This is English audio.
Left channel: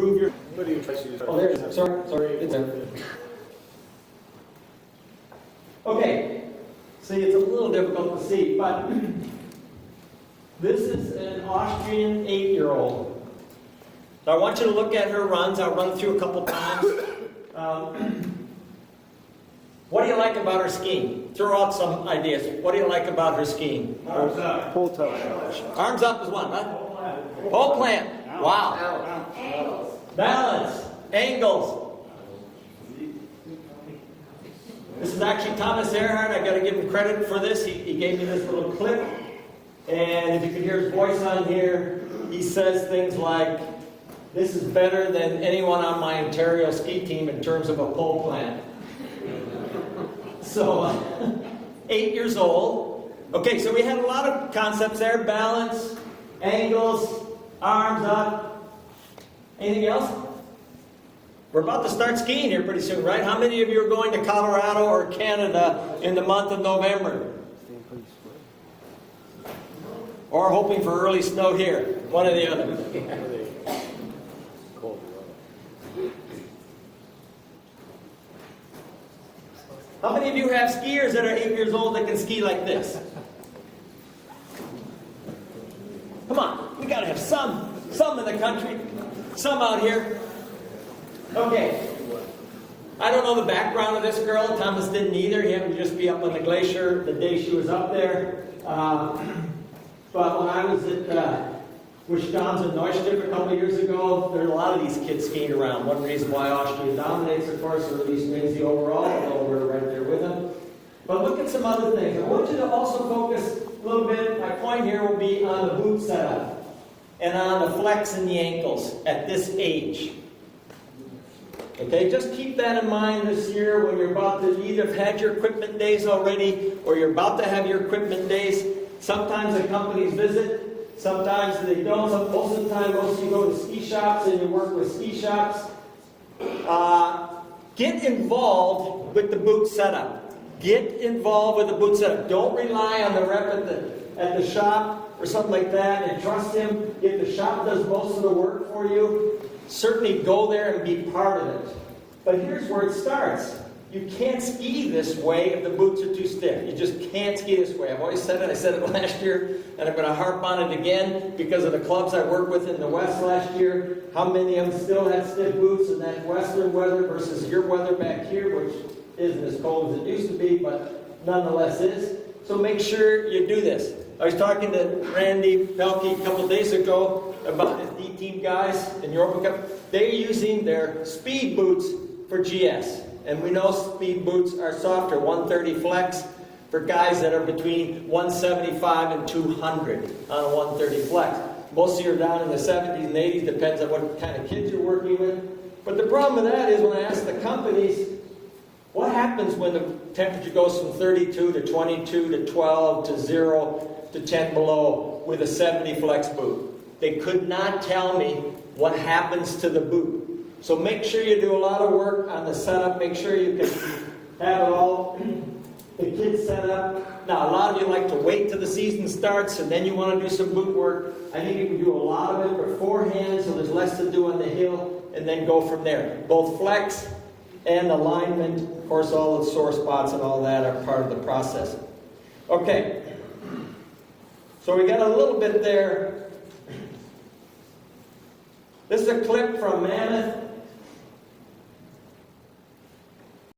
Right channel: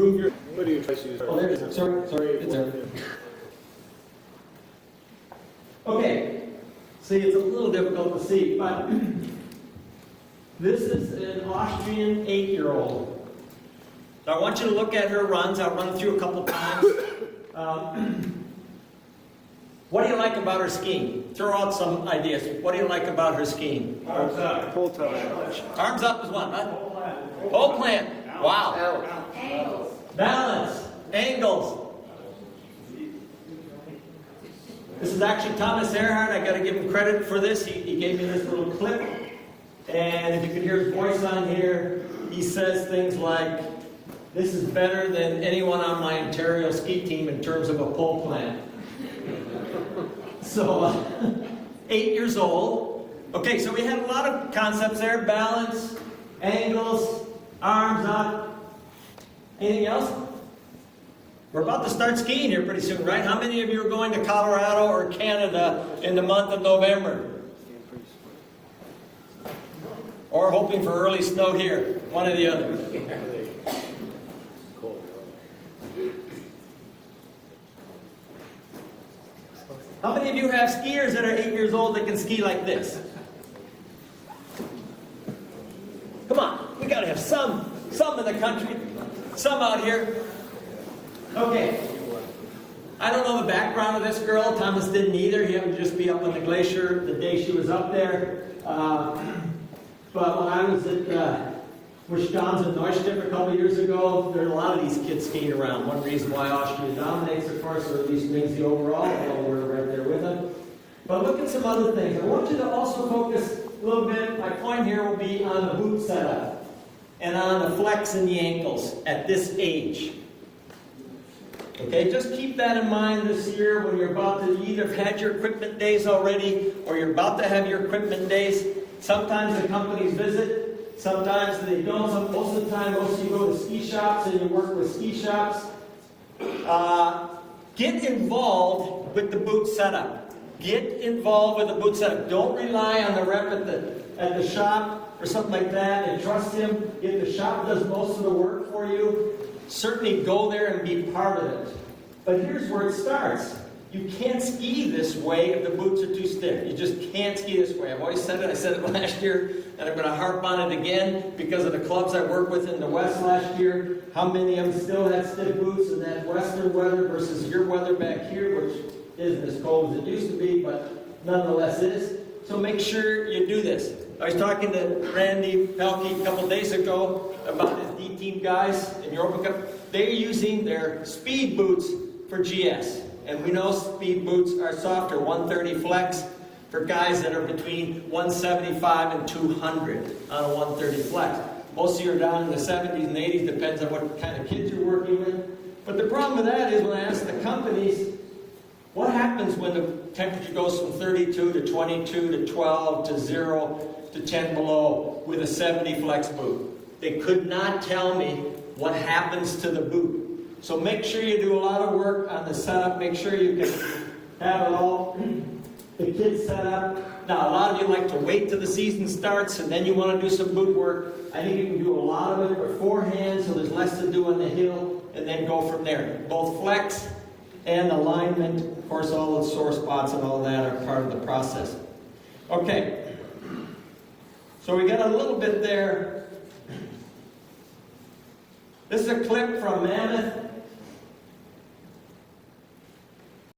improve your... What do you try to use? Oh, there's it. Sorry. It's there. Okay. See, it's a little difficult to see, but this is an Austrian 8-year-old. So I want you to look at her runs. I'll run through a couple times. What do you like about her skiing? Throw out some ideas. What do you like about her skiing? Arms up. Whole time. Arms up is one, right? Whole plant. Wow. Angles. Balance. Angles. This is actually Thomas Earhart. I got to give him credit for this. He gave me this little clip. And if you can hear his voice on here, he says things like, "This is better than anyone on my Ontario ski team in terms of a pole plant." So, 8 years old. Okay, so we have a lot of concepts there. Balance, angles, arms up. Anything else? We're about to start skiing here pretty soon, right? How many of you are going to Colorado or Canada in the month of November? Or hoping for early snow here? One or the other. How many of you have skiers that are 8 years old that can ski like this? Come on, we gotta have some in the country, some out here. Okay. I don't know the background of this girl. Thomas didn't either. He happened to just be up on the glacier the day she was up there. But when I was at Wisconsin Neustadt a couple years ago, there are a lot of these kids skiing around. One reason why Austria dominates, of course, or at least wins the overall, although we're right there with them. But look at some other things. I want you to also focus a little bit. My point here will be on the boot setup and on the flex in the ankles at this age. Okay, just keep that in mind this year when you're about to either have had your equipment days already or you're about to have your equipment days. Sometimes the companies visit. Sometimes they don't. Most of the time, most of you go to ski shops and you work with ski shops. Get involved with the boot setup. Get involved with the boot setup. Don't rely on the rep at the shop or something like that and trust him. If the shop does most of the work for you, certainly go there and be part of it. But here's where it starts. You can't ski this way if the boots are too stiff. You just can't ski this way. I've always said it. I said it last year, and I'm going to harp on it again because of the clubs I worked with in the West last year. How many of them still have stiff boots in that western weather versus your weather back here, which isn't as cold as it used to be, but nonetheless is. So make sure you do this. I was talking to Randy Pelkey a couple of days ago about his D-team guys in Europa Cup. They're using their speed boots for GS. And we know speed boots are softer, 130 flex for guys that are between 175 and 200 on a 130 flex. Most of you are down in the 70s and 80s, depends on what kind of kids you're working with. But the problem with that is when I ask the companies, what happens when the temperature goes from 32 to 22 to 12 to 0 to 10 below with a 70 flex boot? They could not tell me what happens to the boot. So make sure you do a lot of work on the setup. Make sure you can have it all, the kids set up. Now, a lot of you like to wait till the season starts and then you want to do some boot work. I think you can do a lot of it beforehand so there's less to do on the hill and then go from there. Both flex and alignment, of course, all the sore spots and all that are part of the process. Okay, so we got a little bit there. This is a clip from Mammoth.